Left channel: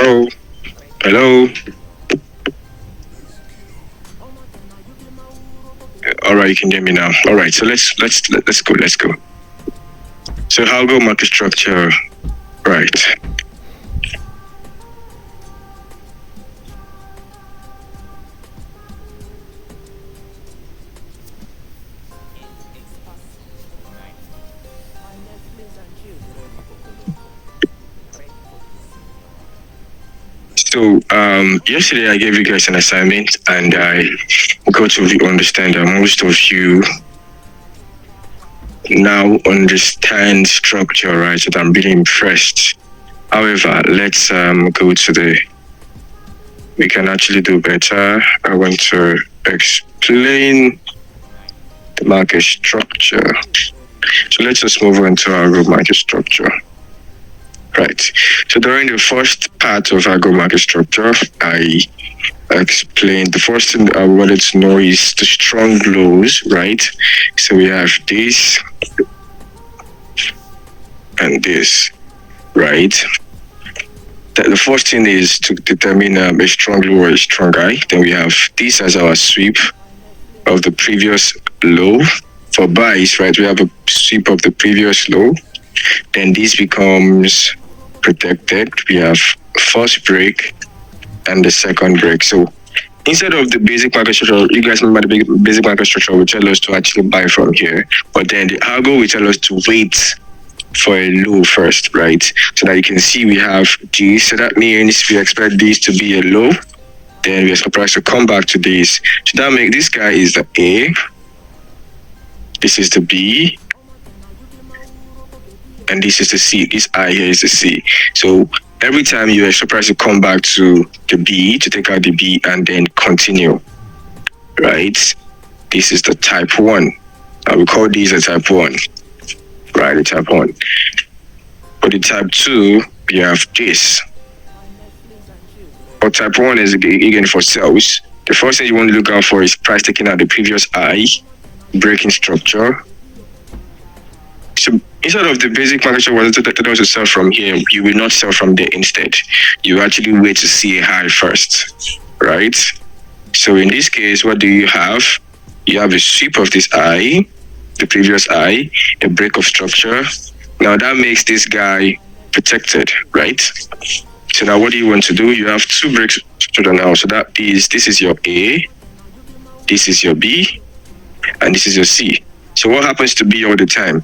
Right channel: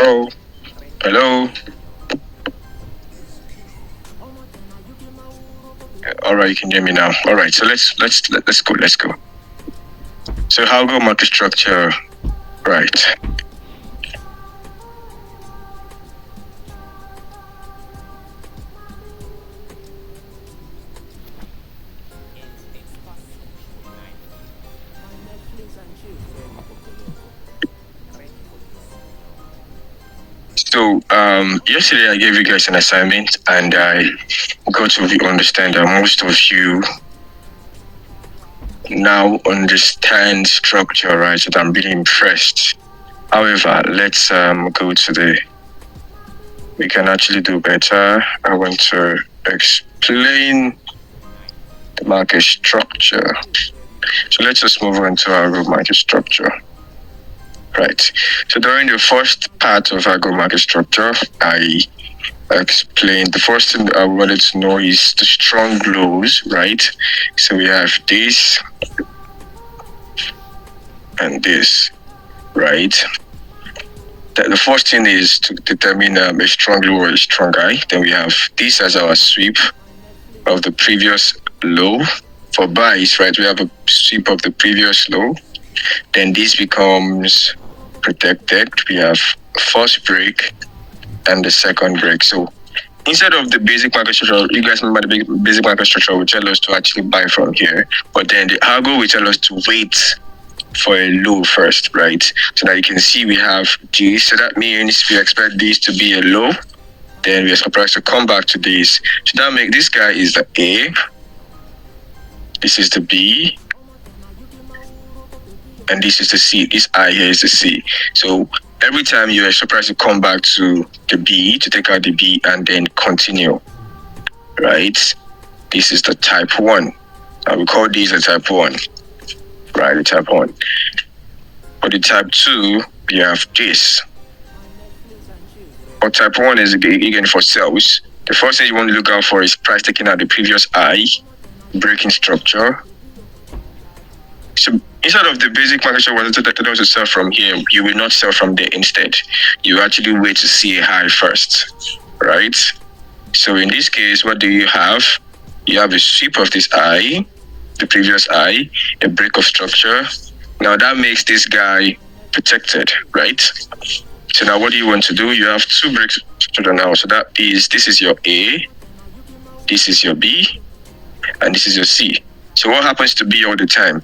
Oh, hello. All right, you can hear me now. All right, so let's go. So Algo market structure, right? So yesterday I gave you guys an assignment, and I got to understand that most of you now understand structure, right? So I'm really impressed. However, let's go to the. We can actually do better. I want to explain the market structure. So let's just move on to our market structure. Right. So during the first part of our market structure, I explained the first thing I wanted to know is the strong lows, right? So we have this and this, right? The first thing is to determine a strong low or a strong high. Then we have this as our sweep of the previous low. For buys, right, we have a sweep of the previous low. Then this becomes protected. We have first break and the second break. So instead of the basic market structure, you guys remember the basic market structure will tell us to actually buy from here. But then the algo will tell us to wait for a low first, right? So that you can see we have this. So that means we expect this to be a low. Then we are surprised to come back to this. So that makes this guy is the A. This is the B. And this is the C. This I here is the C. So every time you are surprised to come back to the B, to take out the B and then continue, right? This is the type 1. We call these a type 1, right? The type 1. For the type 2, we have this. For type 1 is again for sales. The first thing you want to look out for is price taking out the previous I, breaking structure. So instead of the basic market structure was to sell from here, you will not sell from there instead. You actually wait to see a high first, right? So in this case, what do you have? You have a sweep of this I, the previous I, a break of structure. Now that makes this guy protected, right? So now what do you want to do? You have two breaks now. So that is, this is your A, this is your B, and this is your C. So what happens to B all the time?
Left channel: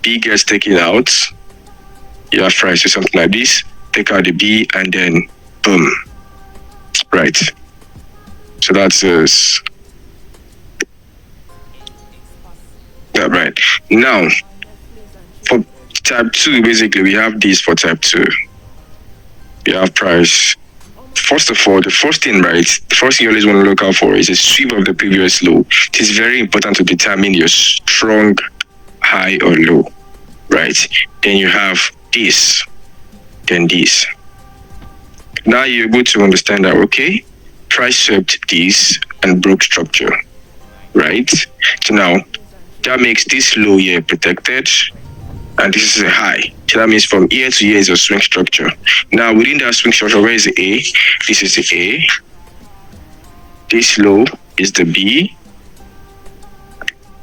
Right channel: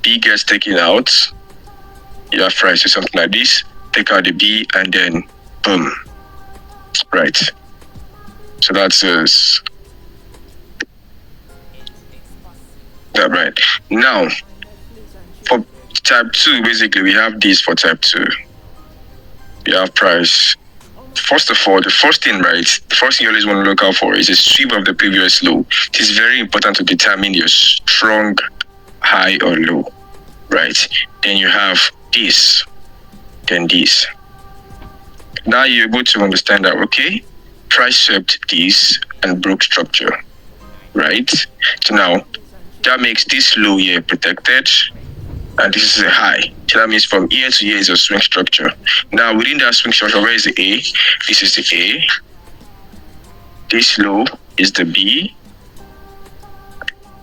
B gets taken out. You have price or something like this. Take out the B and then boom. Right. So that's us. Yeah, right. Now, for type 2, basically, we have this for type 2. We have price. First of all, the first thing, right, the first thing you always want to look out for is a sweep of the previous low. It is very important to determine your strong high or low, right? Then you have this, then this. Now you're able to understand that, okay, price swept this and broke structure, right? So now that makes this low here protected, and this is a high. So that means from here to here is a swing structure. Now within that swing structure, where is the A? This is the A. This low is the B.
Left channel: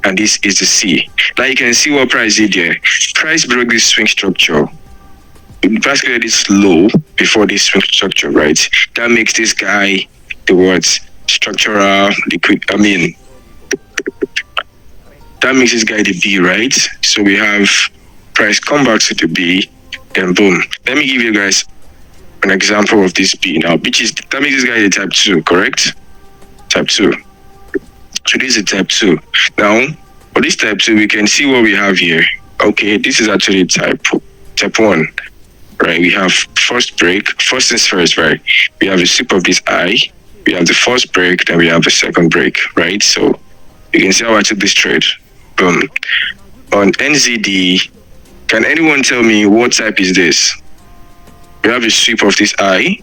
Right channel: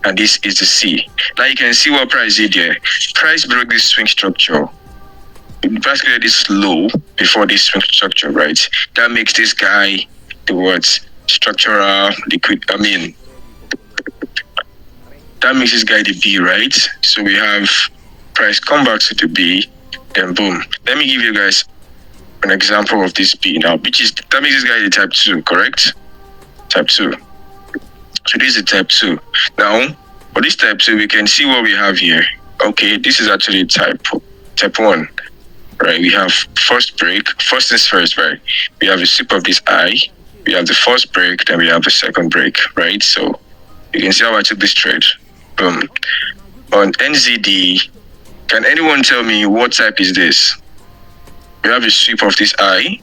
And this is the C. Now you can see what price did here. Price broke this swing structure. Price created this low before this swing structure, right? That makes this guy the words structural liquid. That makes this guy the B, right? So we have price come back to the B, then boom. Let me give you guys an example of this B now, which is that makes this guy the type 2, correct? Type 2. So this is type 2. Now, for this type 2, we can see what we have here. Okay, this is actually type 1. Right, we have first break. First things first, right? We have a sweep of this I. We have the first break, then we have the second break, right? So you can see how I took this trade. Boom. On NZD, can anyone tell me what type is this? We have a sweep of this I.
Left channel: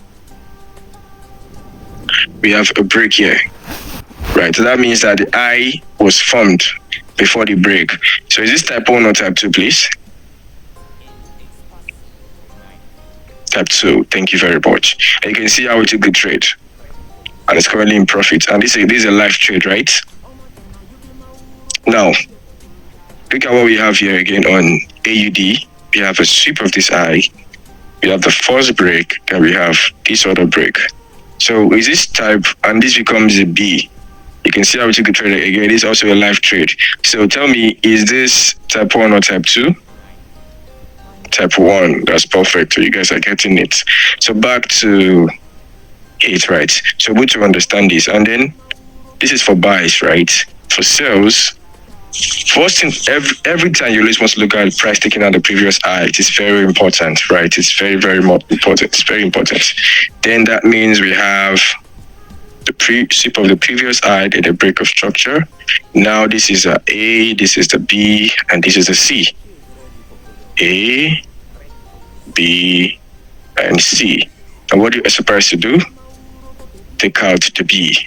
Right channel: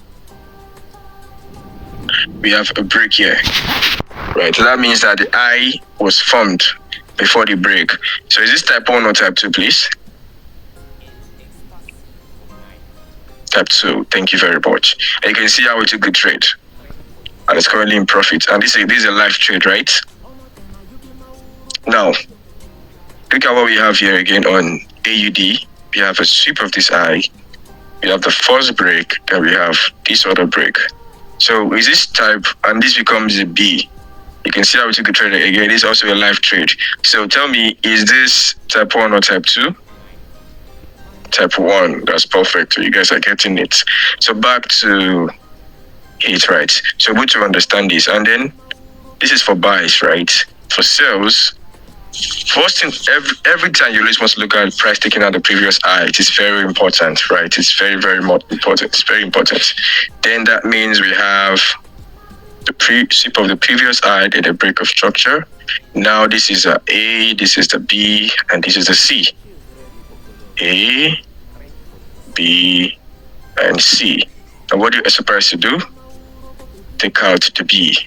We have a break here. Right, so that means that the I was formed before the break. So is this type 1 or type 2, please? Type 2. Thank you very much. And you can see how we took the trade. And it's currently in profit. And this is a live trade, right? Now, look at what we have here again on AUD. We have a sweep of this eye. We have the first break, then we have this other break. So is this type, and this becomes a B. You can see how we took the trade again. This is also a live trade. So tell me, is this type 1 or type 2? Type 1. That's perfect. So you guys are getting it. So back to it, right? So good to understand this. And then this is for buys, right? For sales, first thing, every time you always want to look at price taking out the previous high. It is very important, right? It's very, very important. It's very important. Then that means we have the sweep of the previous high, then the break of structure. Now this is a A, this is the B, and this is the C. A, B, and C. And what do you supposed to do? Take out the B.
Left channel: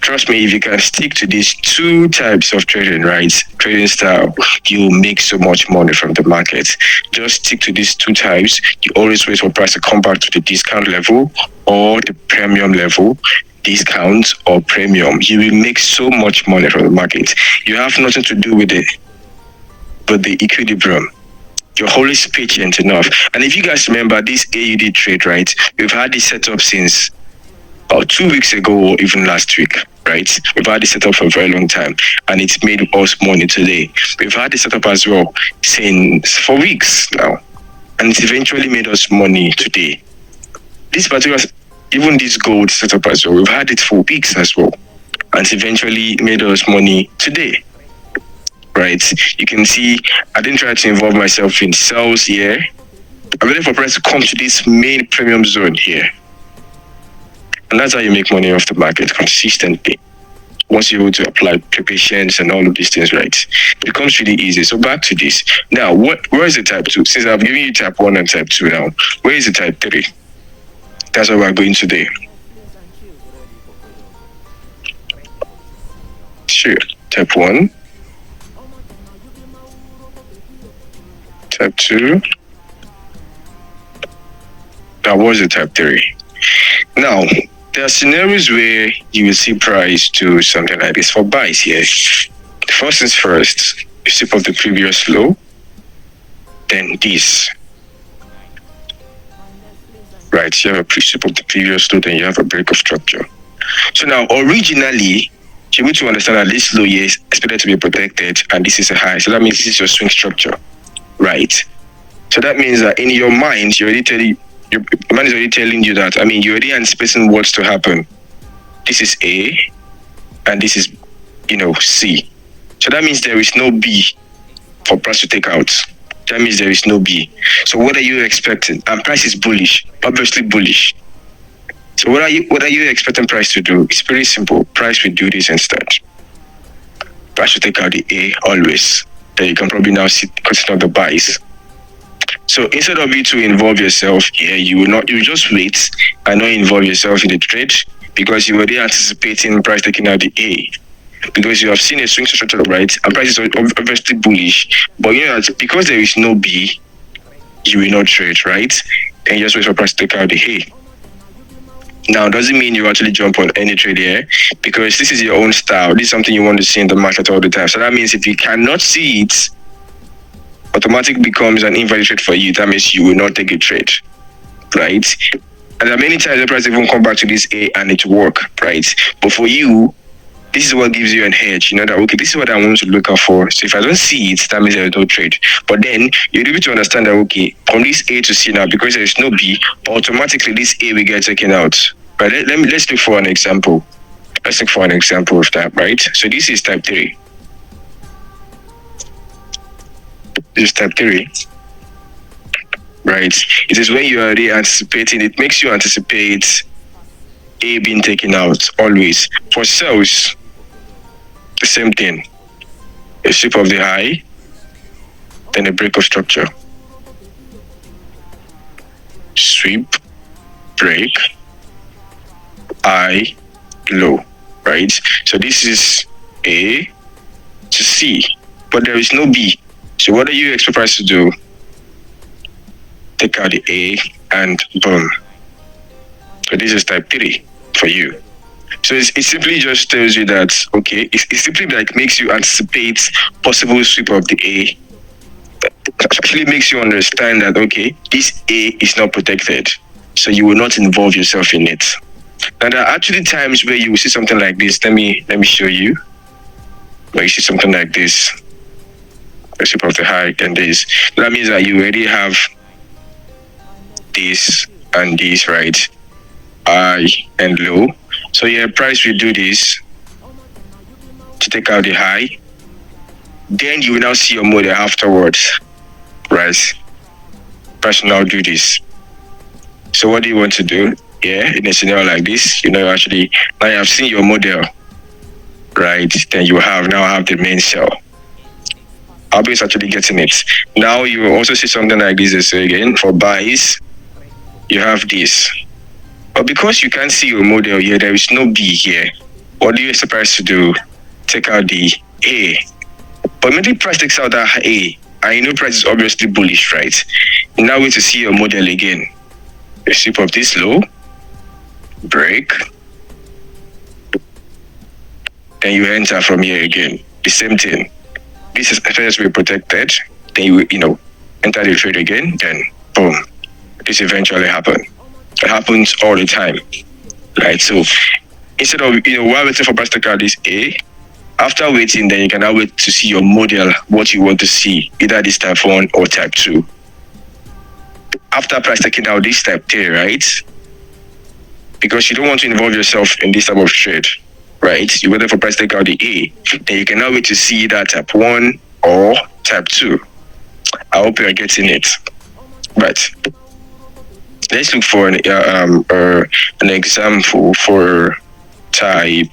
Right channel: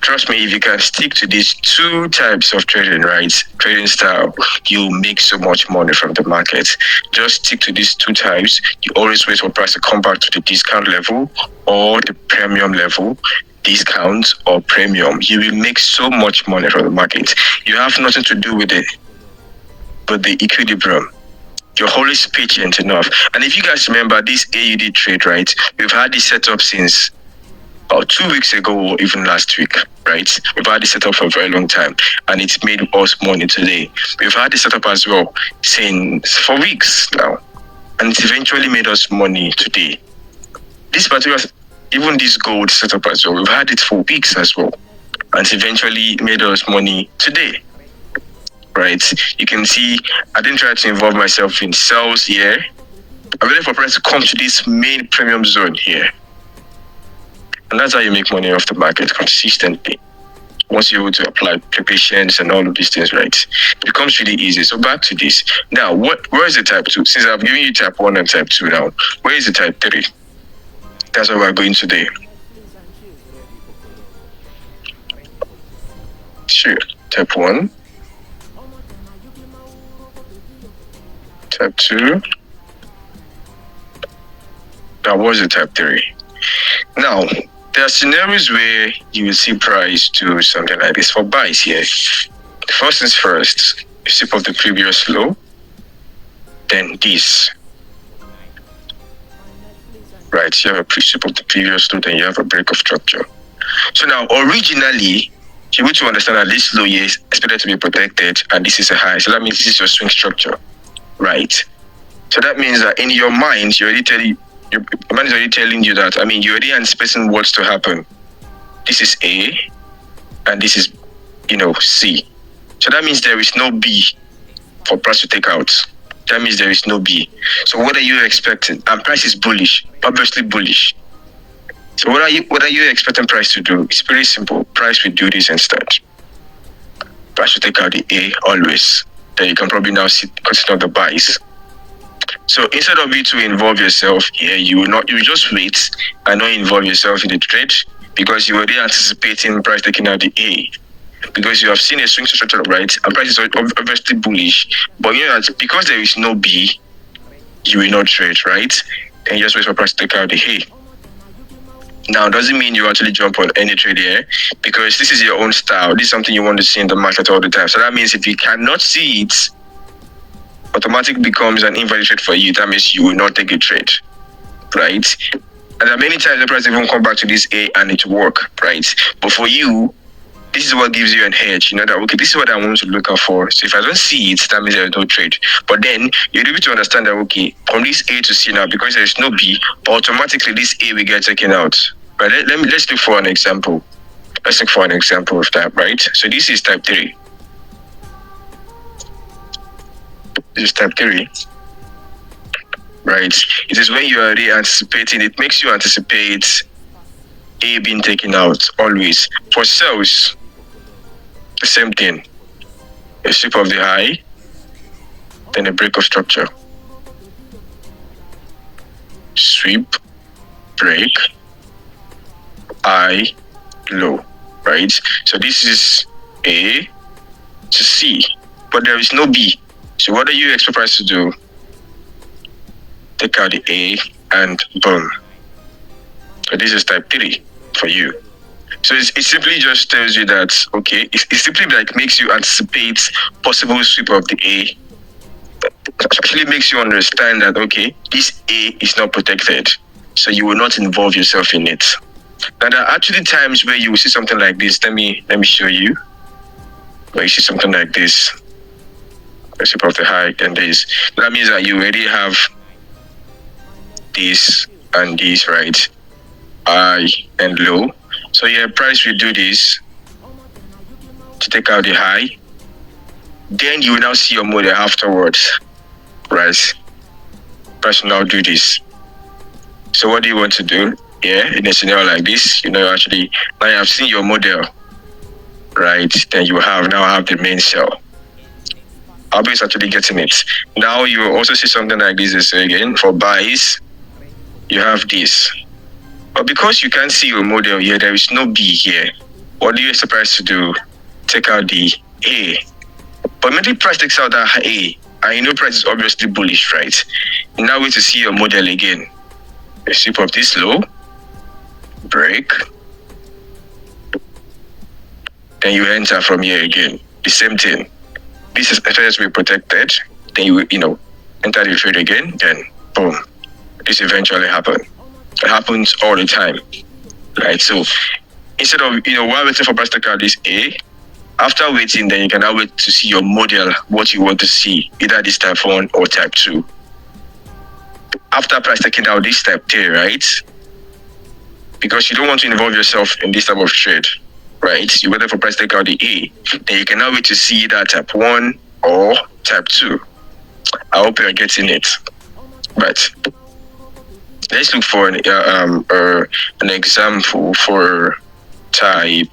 Trust me, if you can stick to these two types of trading, right? Trading style, you'll make so much money from the market. Just stick to these two types. You always wait for price to come back to the discount level or the premium level. Discount or premium, you will make so much money from the market. You have nothing to do with the equilibrium. You're always patient enough. And if you guys remember this AUD trade, right? We've had this setup since about 2 weeks ago or even last week, right? We've had this setup for a very long time and it's made us money today. We've had this setup as well since for weeks now and it's eventually made us money today. This particular, even this gold setup as well, we've had it for weeks as well and it's eventually made us money today. Right, you can see I didn't try to involve myself in sales here. I'm waiting for price to come to this main premium zone here. And that's how you make money off the market consistently. Once you're able to apply patience and all of these things, right? It becomes really easy. So back to this. Now, where is the type 2? Since I've given you type 1 and type 2 now, where is the type 3? That's where we're going today. Sure, type 1. Type 2. That was the type 3. Now, there are scenarios where you will see price do something like this for buys here. First things first, you sweep of the previous low, then this. Right, you have a pre-sweep of the previous low, then you have a break of structure. So now, originally, you need to understand that this low here is expected to be protected, and this is a high. So that means this is your swing structure. Right. So that means that in your mind, your mind is already telling you that, you're already anticipating what's to happen. This is A, and this is, C. So that means there is no B for price to take out. That means there is no B. So what are you expecting? And price is bullish, obviously bullish. So what are you expecting price to do? It's pretty simple. Price will do this instead. Price will take out the A always. Then you can probably now consider the buys. So instead of you to involve yourself here, you will just wait and not involve yourself in the trade because you're already anticipating price taking out the A. Because you have seen a swing structure, right? And price is obviously bullish. But you know that because there is no B, you will not trade, right? And you just wait for price to take out the A. Now, doesn't mean you actually jump on any trade here because this is your own style. This is something you want to see in the market all the time. So that means if you cannot see it, automatic becomes an invalid trade for you. That means you will not take a trade, right? And there are many times the price even come back to this A and it work, right? But for you, this is what gives you an edge. You know that, okay, this is what I want to look out for. So if I don't see it, that means there is no trade. But then you're able to understand that, okay, from this A to C now, because there is no B, automatically this A will get taken out. But let's look for an example. Let's look for an example of that, right? So this is type 3. This is type 3. Right? It is when you are already anticipating, it makes you anticipate A being taken out always. For sales, the same thing. A sweep of the high, then a break of structure. Sweep, break, high, low, right? So this is A to C. but there is no B. So what do you expect price to do? Take out the A and boom. So this is type 3 for you. So it simply just tells you that, okay, it simply like makes you anticipate possible sweep of the A. It actually makes you understand that, okay, this A is not protected. So you will not involve yourself in it. Now there are actually times where you will see something like this. Let me show you. Where you see something like this. The sweep of the high and this. That means that you already have this and this, right? High and low. So yeah, price will do this to take out the high. Then you will now see your model afterwards, right? Price will now do this. So what do you want to do? Yeah, in a scenario like this, actually now you have seen your model, right? Then you now have the main sell. Algo is actually getting it. Now you will also see something like this again for buys. You have this. But because you can't see your model here, there is no B here. What do you expect price to do? Take out the A. But maybe price takes out that A, and price is obviously bullish, right? Now wait to see your model again. You sweep of this low, break, then you enter from here again. The same thing. This is first be protected, then you enter the trade again, then boom. This eventually happens. It happens all the time, right? So instead of while waiting for price to take out this A, after waiting, then you can now wait to see your model, what you want to see, either this type 1 or type 2. After price taking out this type 3, right? Because you don't want to involve yourself in this type of trade, right? You waited for price to take out the A, then you can now wait to see that type 1 or type 2. I hope you're getting it. But let's look for an example for type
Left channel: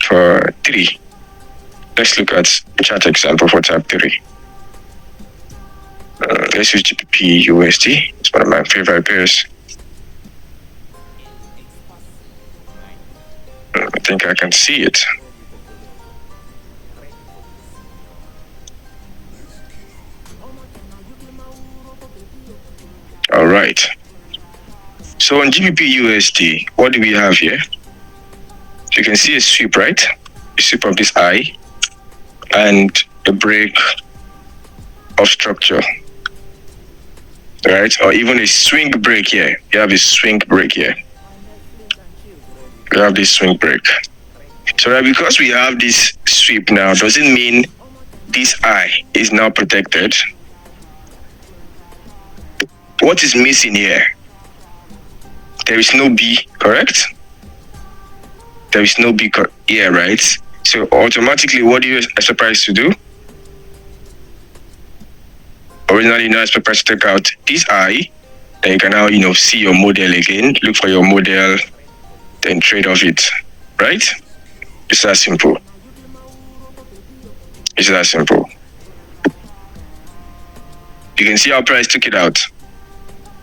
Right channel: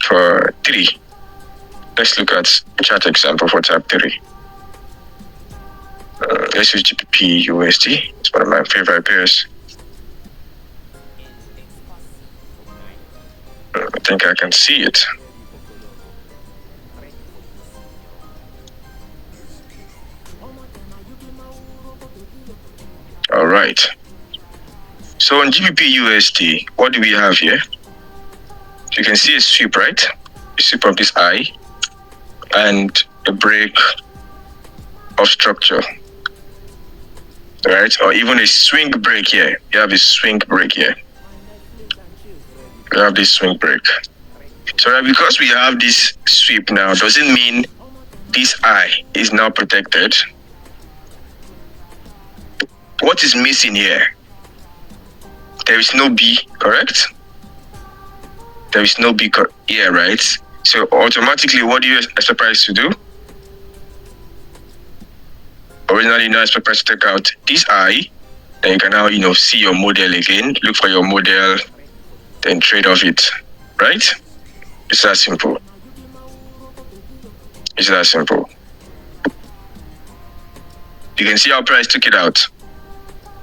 3. Let's look at chart example for type 3. Let's use GBP USD. It's one of my favorite pairs. I think I can see it. All right. So on GBP USD, what do we have here? You can see a sweep, right? A sweep of this I and a break of structure, right? Or even a swing break here. You have a swing break here. You have this swing break. So because we have this sweep now, doesn't mean this I is now protected. What is missing here? There is no B, correct? There is no B here, right? So automatically, what do you expect price to do? Originally, you now expect price to take out this I. Then you can now, see your model again. Look for your model, then trade off it, right? It's that simple. It's that simple. You can see how price took it out.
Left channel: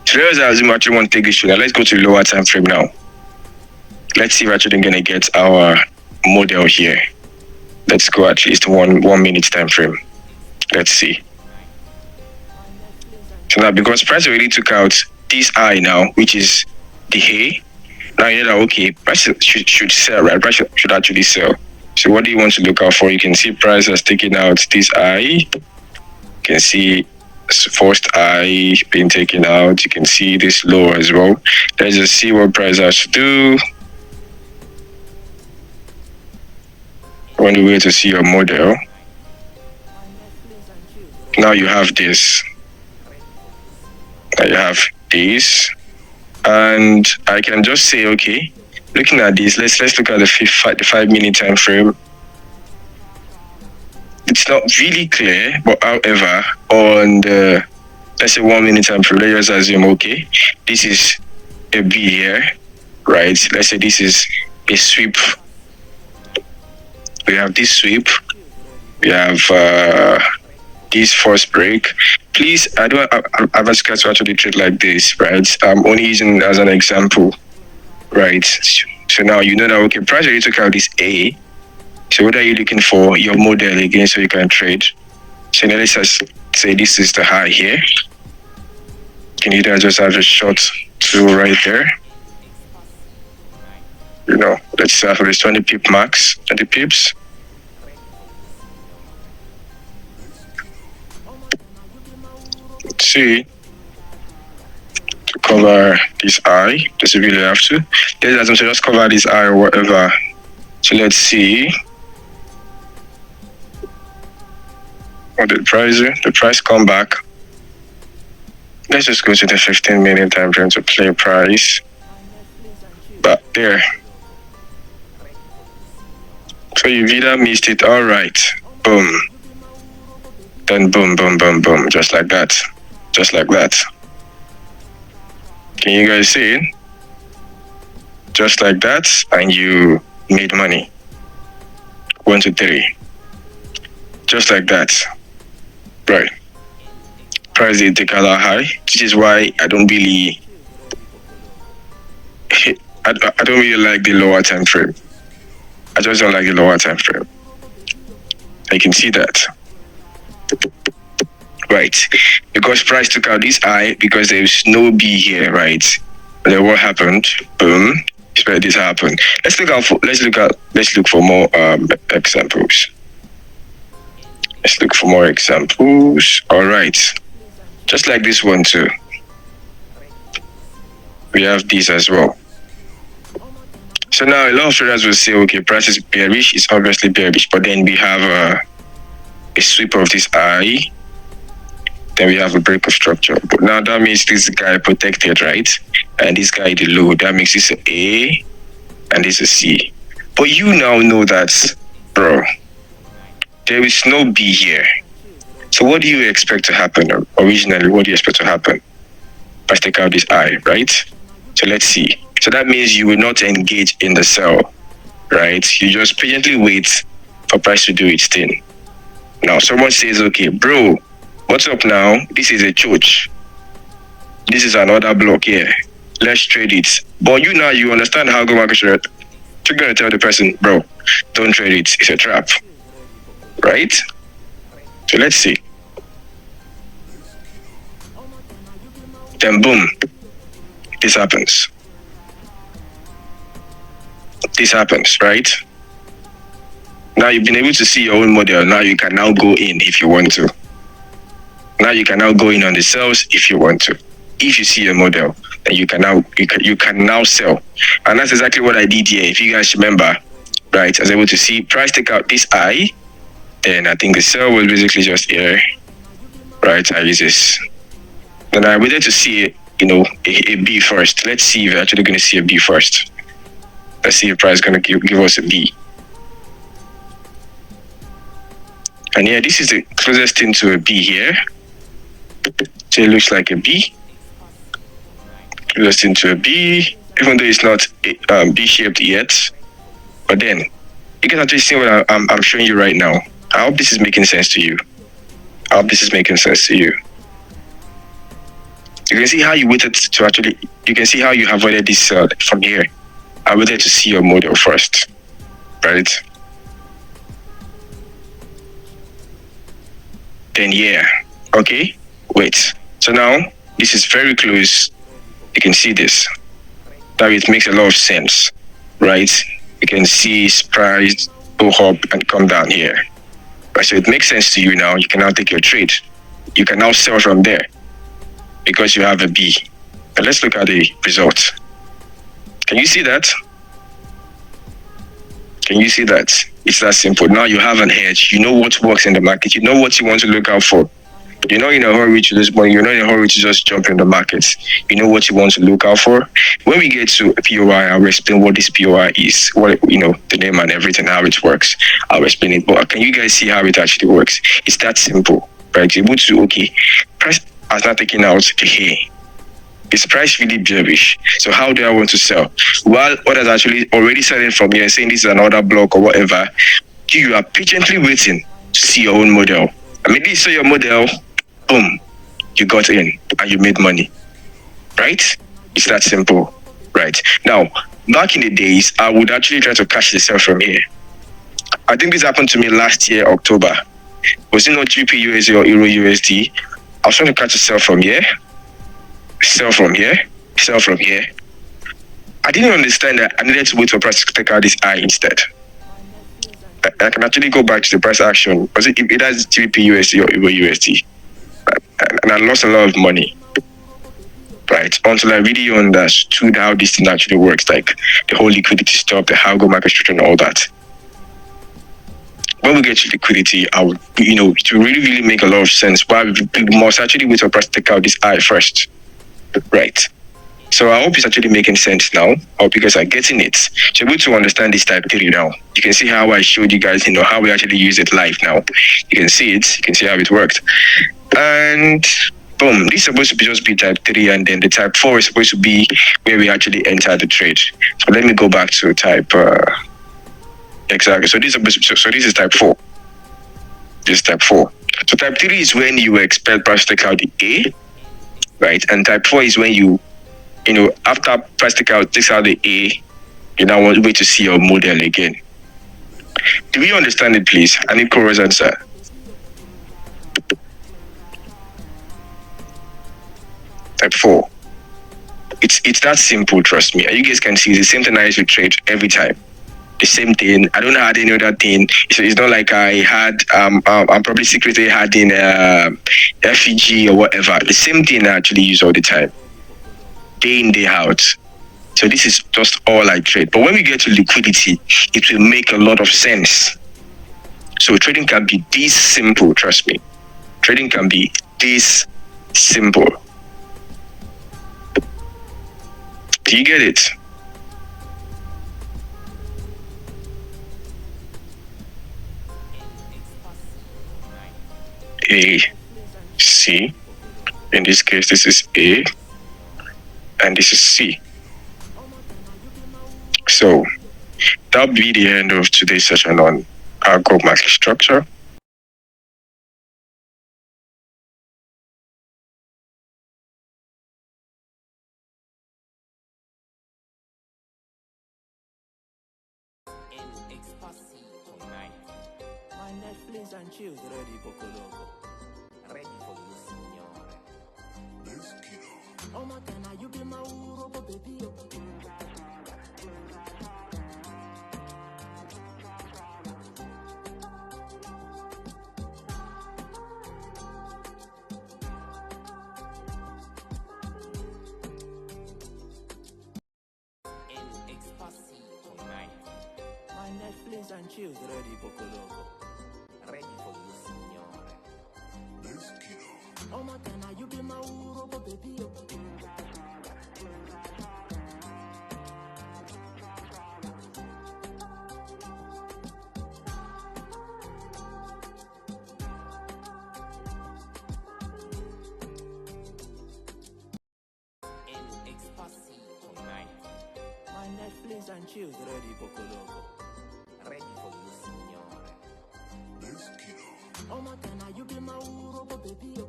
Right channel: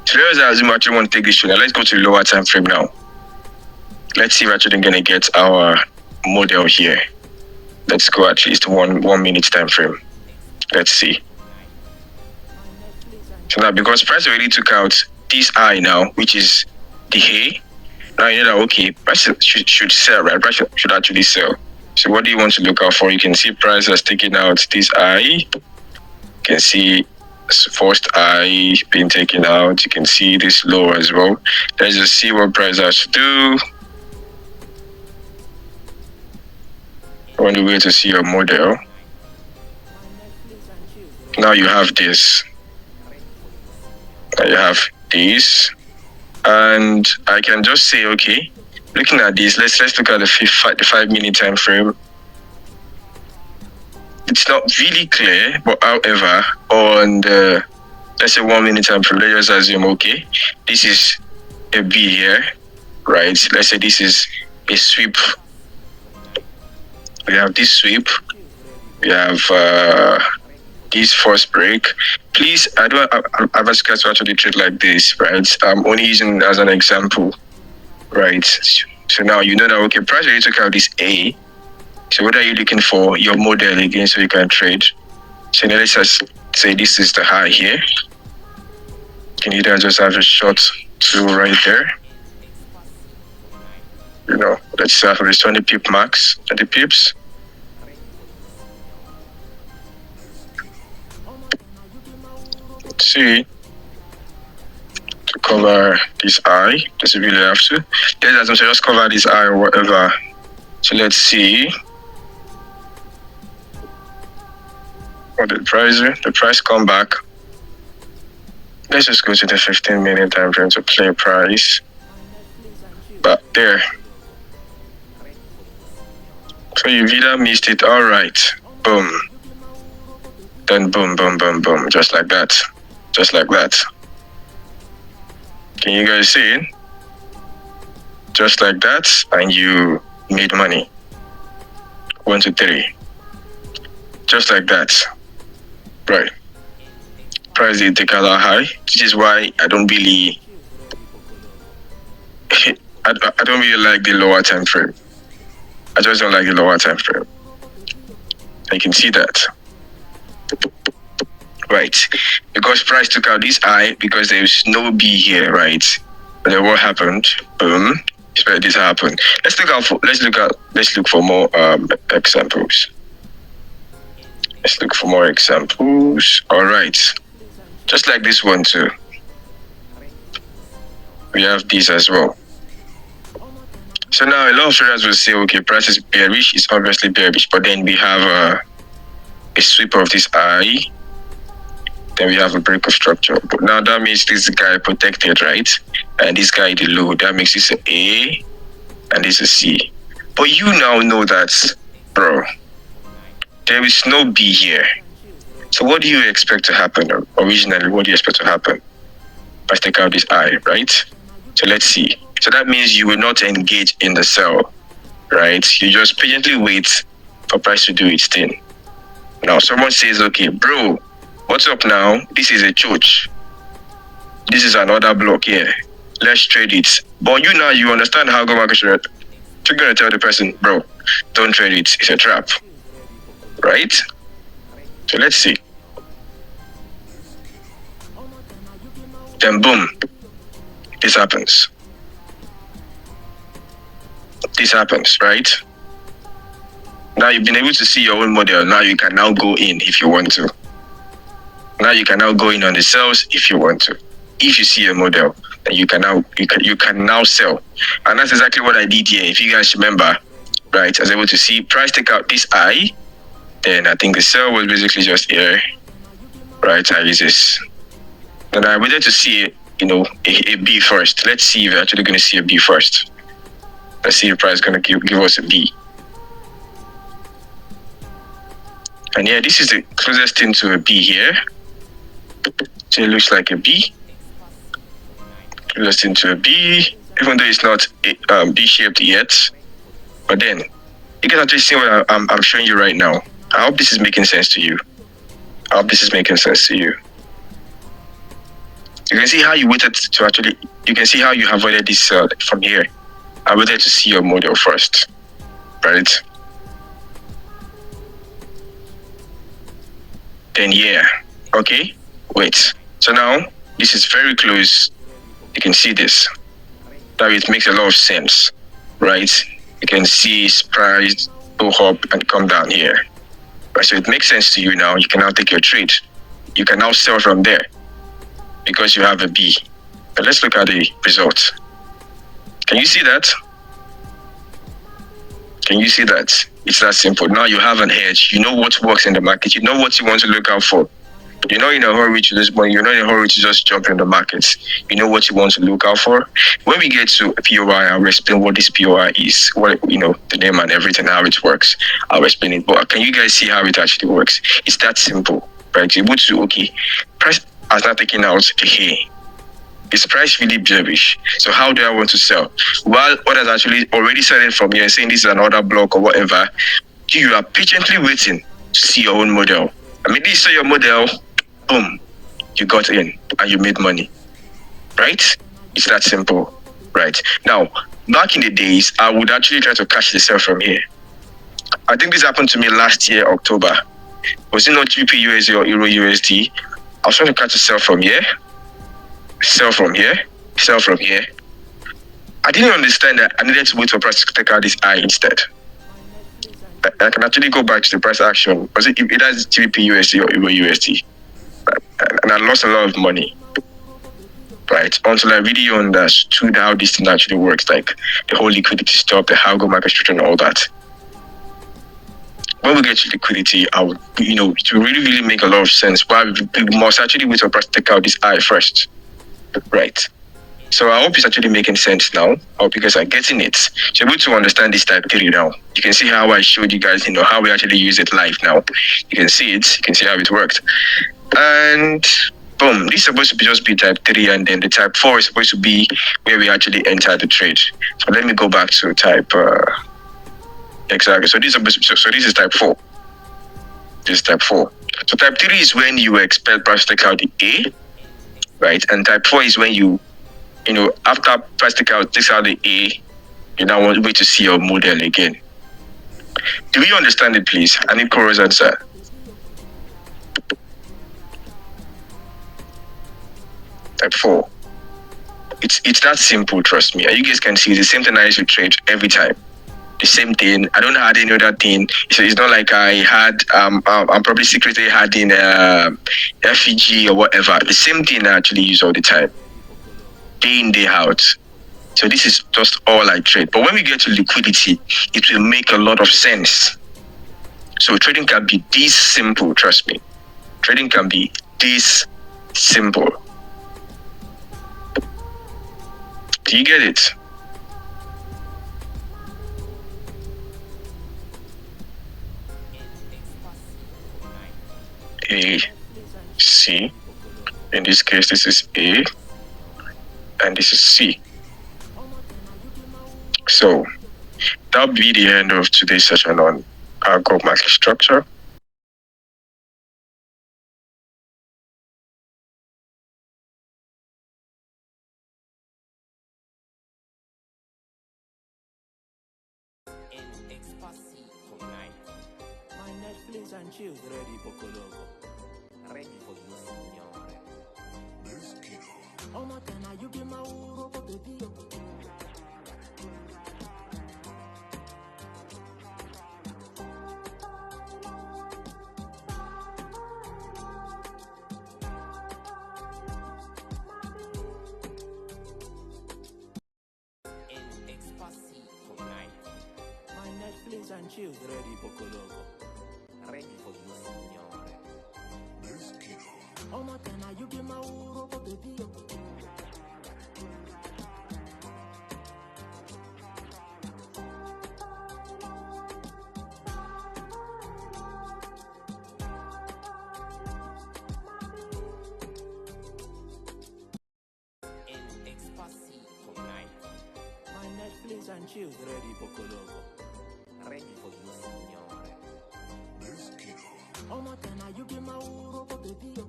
So let's assume I actually want to take this trade. Now let's go to the lower time frame now. Let's see if we're actually going to get our model here. Let's go at least 1 minute time frame. Let's see. So now because price already took out this I now, which is the A, now you know that okay, price should sell, right? Price should actually sell. So what do you want to look out for? You can see price has taken out this I. You can see first I being taken out. You can see this low as well. Let's just see what price has to do. On the way to see your model. Now you have this. Now you have this. And I can just say, okay, looking at this, let's look at the 5 minute time frame. It's not really clear, but however, on the, let's say 1 minute time frame, let's just assume, okay, this is a B here, right? Let's say this is a sweep. We have this sweep. We have this first break. Please, I don't advise guys to actually trade like this, right? I'm only using it as an example, right? So now you know that, okay, price already took out this A. So what are you looking for? Your model again so you can trade. So now let's just say this is the high here. You can either just have a short to right there. Let's start with this 20 pip max, 20 pips. Let's see. To cover this eye, does it really have to? Let's just cover this eye or whatever. So let's see. What the price come back. Let's just go to the 15-minute time frame to play price. But there. So you've either missed it, all right. Boom. Then boom, boom, boom, boom. Just like that. Just like that. Can you guys see it? Just like that, and you made money. 1, 2, 3. Just like that. Right. Price did take a lot high. This is why I don't really like the lower time frame. I just don't like the lower time frame. You can see that. Right. Because price took out this high because there's no B here, right? And then what happened? Boom. It's where this happened. Let's look for more examples. Let's look for more examples. All right. Just like this one too. We have these as well. So now a lot of traders will say, okay, price is bearish. It's obviously bearish, but then we have a sweep of this eye. Then we have a break of structure. But now that means this guy protected, right? And this guy the low. That makes this an A and this a C. But you now know that, bro, there is no B here. So what do you expect to happen? Originally, what do you expect to happen? Let's take out this I, right? So let's see. So that means you will not engage in the sell, right? You just patiently wait for price to do its thing. Now someone says, okay, bro, what's up now? This is a church. This is another block here. Let's trade it. But you understand how go market should. You're gonna tell the person, bro, don't trade it. It's a trap, right? So let's see. Then boom, this happens. This happens, right? Now you've been able to see your own model. Now you can now go in if you want to. Now you can now go in on the sales if you want to. If you see a model, then you can now sell. And that's exactly what I did here. If you guys remember, right? I was able to see price take out this I. Then I think the sell was basically just here, right? I use this. Then I waited to see, a B first. Let's see if we're actually going to see a B first. Let's see if price is going to give us a B. And yeah, this is the closest thing to a B here. So it looks like a B. Closest thing to a B, even though it's not B-shaped yet. But then, you can actually see what I'm showing you right now. I hope this is making sense to you. You can see how you waited to actually, you can see how you avoided this sell from here. I waited to see your model first, right? Then yeah, okay, wait. So now, this is very close. You can see this. Now it makes a lot of sense, right? You can see price go up and come down here. Right, so it makes sense to you now. You can now take your trade. You can now sell from there because you have a B. But let's look at the result. Can you see that? It's that simple. Now you have an edge. You know what works in the market. You know what you want to look out for. You're not in a hurry to lose money. You're not in a hurry to just jump in the markets. You know what you want to look out for. When we get to POI, I'll explain what this POI is, what the name and everything, how it works. I'll explain it. But can you guys see how it actually works? It's that simple, right? You're able to, okay, price has not taken out a hay. Is price really bearish? So how do I want to sell? While others actually already selling from here, saying this is another block or whatever, you are patiently waiting to see your own model. I mean, this is your model. Boom, you got in and you made money, right? It's that simple, right? Now, back in the days, I would actually try to catch the sell from here. I think this happened to me last year, October. Was it not GBP USD or Euro USD? I was trying to catch a sell from here, sell from here, sell from here. I didn't understand that I needed to wait for price to take out this high instead. I can actually go back to the price action. Was it has GBP USD or Euro USD? And I lost a lot of money. Right, until I really understood how this thing actually works, like the whole liquidity stuff, the Algo market structure and all that. When we get to liquidity, it will really, really make a lot of sense. But we must actually wait for price to take out this high first. Right. So I hope it's actually making sense now. I hope you guys are getting it. So you're able to understand this type 3 now. You can see how I showed you guys, how we actually use it live now. You can see it. You can see how it worked. And boom, this is supposed to be just be type 3, and then the type 4 is supposed to be where we actually enter the trade. So let me go back to type exactly. So this is type 4. This is type 4. So type 3 is when you expect price to take out the A, right? And type 4 is when you after price takes out the A, you now want to wait to see your model again. Do we understand it, please? I need Cora's answer. Type 4. It's that simple, trust me. You guys can see it's the same thing I used to trade every time. The same thing. I don't have any other thing. It's not like I had I'm probably secretly had in FEG or whatever. The same thing I actually use all the time. Day in, day out. So this is just all I trade. But when we get to liquidity, it will make a lot of sense. So trading can be this simple, trust me. Trading can be this simple. Do you get it? A, C. In this case, this is A, and this is C. So that'll be the end of today's session on Algo market structure. My Netflix and chills ready, Pocoloco. Ready for you, signore. This kilo. Oh, my can you be my Uro, baby? My Netflix and chills ready, Pocoloco. Ready for you, signore. This kilo. Oh, my can you be my Uro, baby? My Netflix and chills ready, Pocoloco. Ready for you, signore. This kilo. Oh, my can you be my Uro, baby?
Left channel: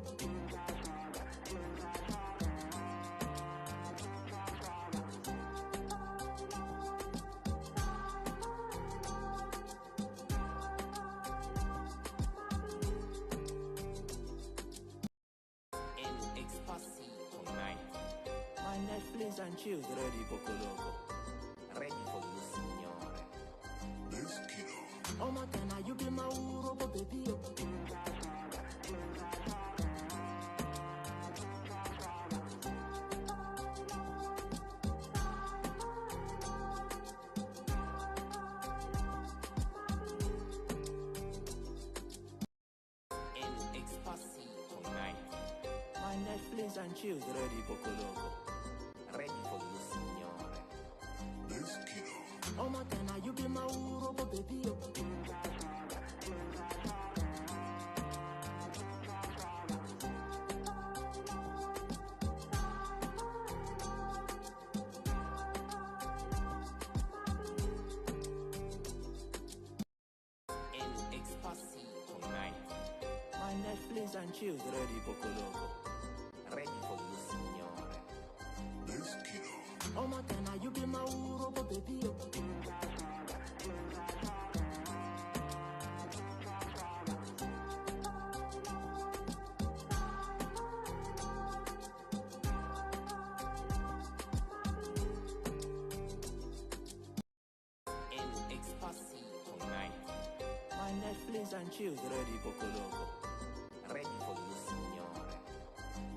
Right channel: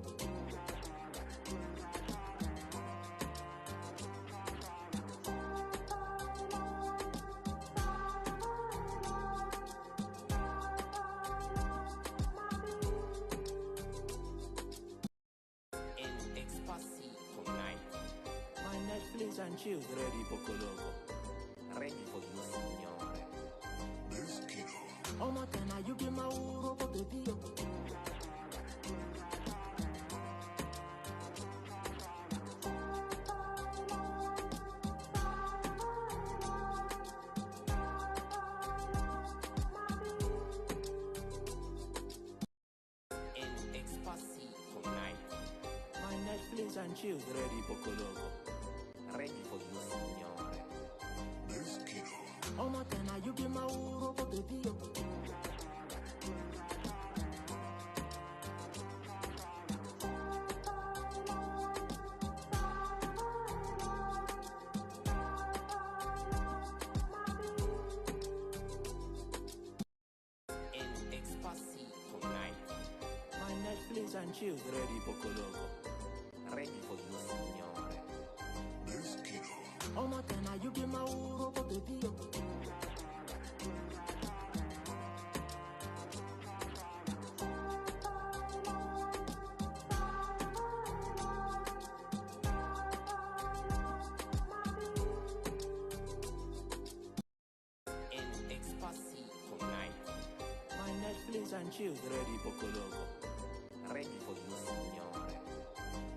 My Netflix and chills ready, Pocoloco. Ready for you, signore. This kilo. Oh, my can you be my Uro, baby? My Netflix and chills ready, Pocoloco. Ready for you, signore. This kilo. Oh, my can you be my Uro, baby? My Netflix and chills ready, Pocoloco. Ready for you, signore. This kilo. Oh, my can you be my Uro, baby? and chills ready poco loco. Ready for you, signore.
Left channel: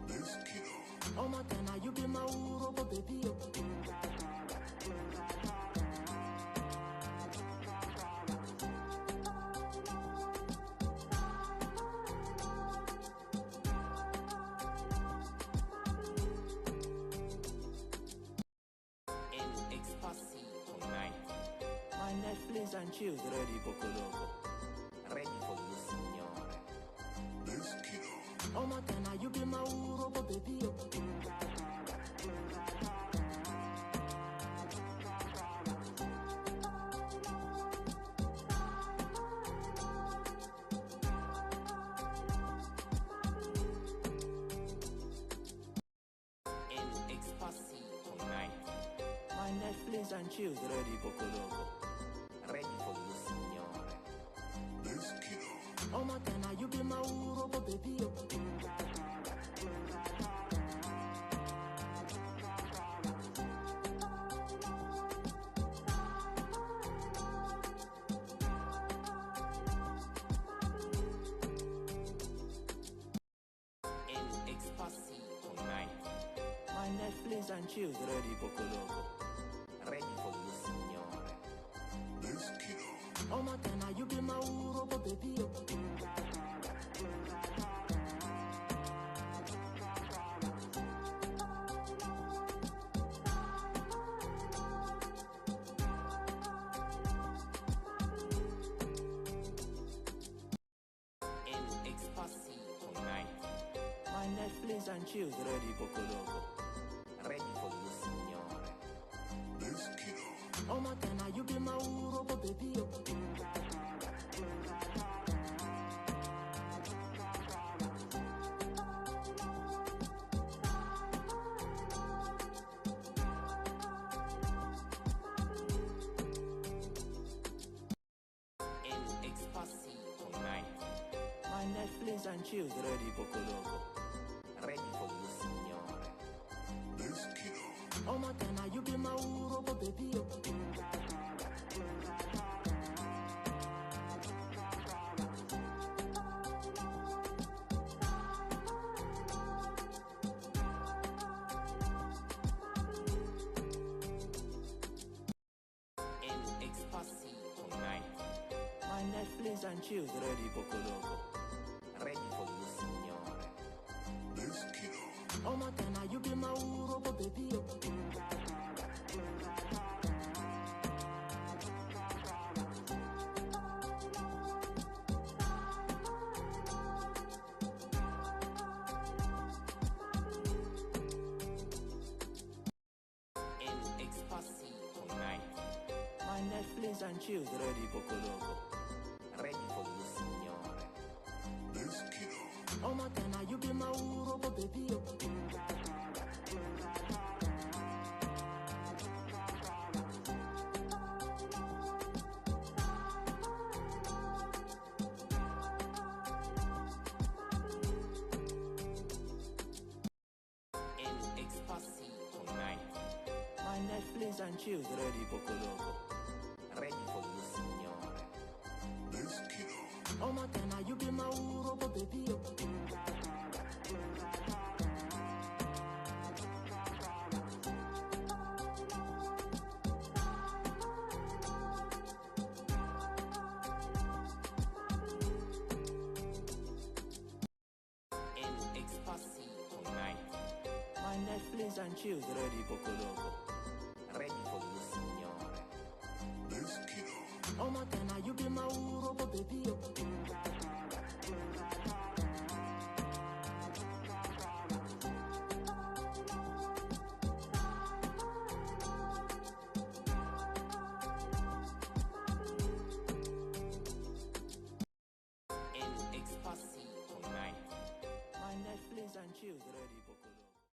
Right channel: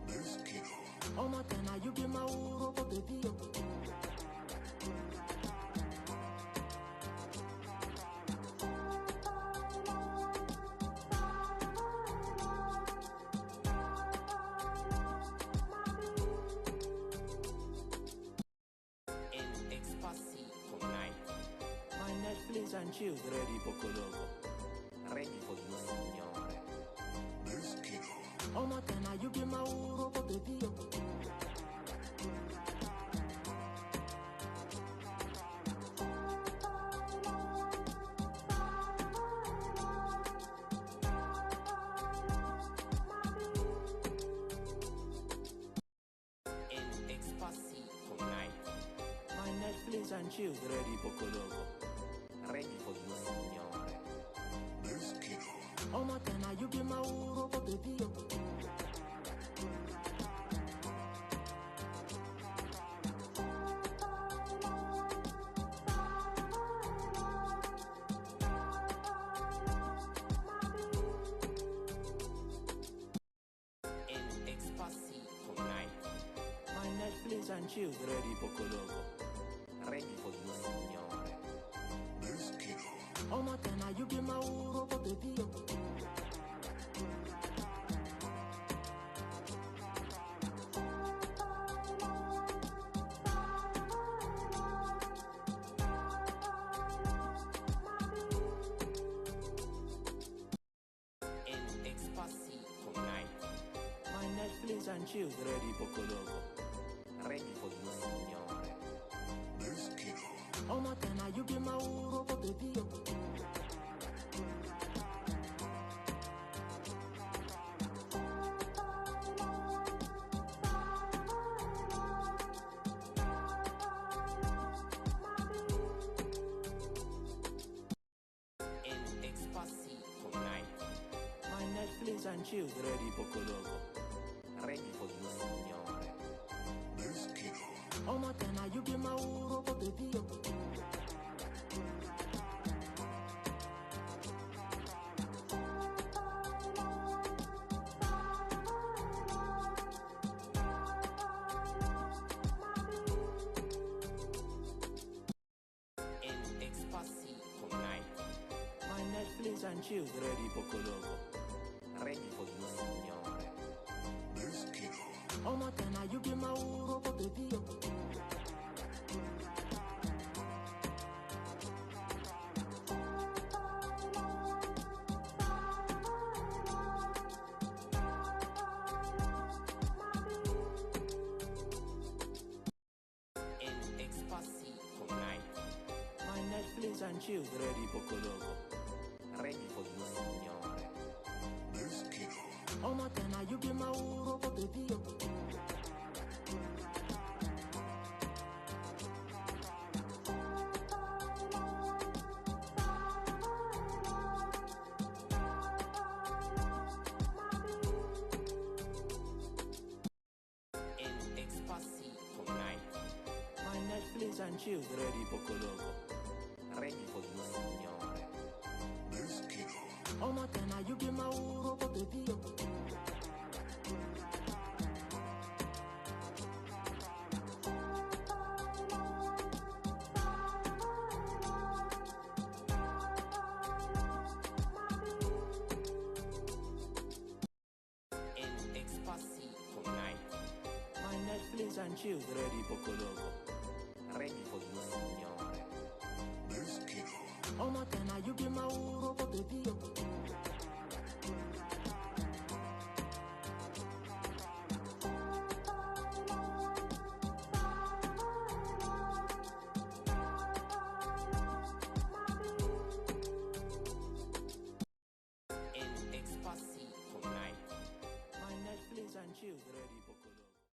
This kilo. Oh Matana, you be my uro, baby. My Netflix and chills ready poco loco. Ready for you, signore. This kilo. Oh Matana, you be my uro, baby. My Netflix and chills ready poco loco. Ready for you, signore. This kilo. Oh Matana, you be my uro, baby. My Netflix and chills ready poco loco. Ready for you, signore. This kilo. Oh Matana, you be my uro, baby. My Netflix and chills ready poco loco. Ready for you, signore. This kilo. Oh Matana, you be my uro, baby. My Netflix and chills ready poco loco. Ready for you, signore. This kilo. Oh Matana, you be my uro, baby. My Netflix and chills ready poco loco. Ready for you, signore. This kilo. Oh Matana, you be my uro, baby. My Netflix and chills ready poco loco. Ready for you, signore. This kilo. Oh Matana, you be my uro, baby. My Netflix and chills ready poco loco. Ready for you, signore. This kilo. Oh Matana, you be my uro, baby. My Netflix and chills ready poco loco. Ready for you, signore. This kilo. Oh Matana, you be my uro, baby. My Netflix and chills ready poco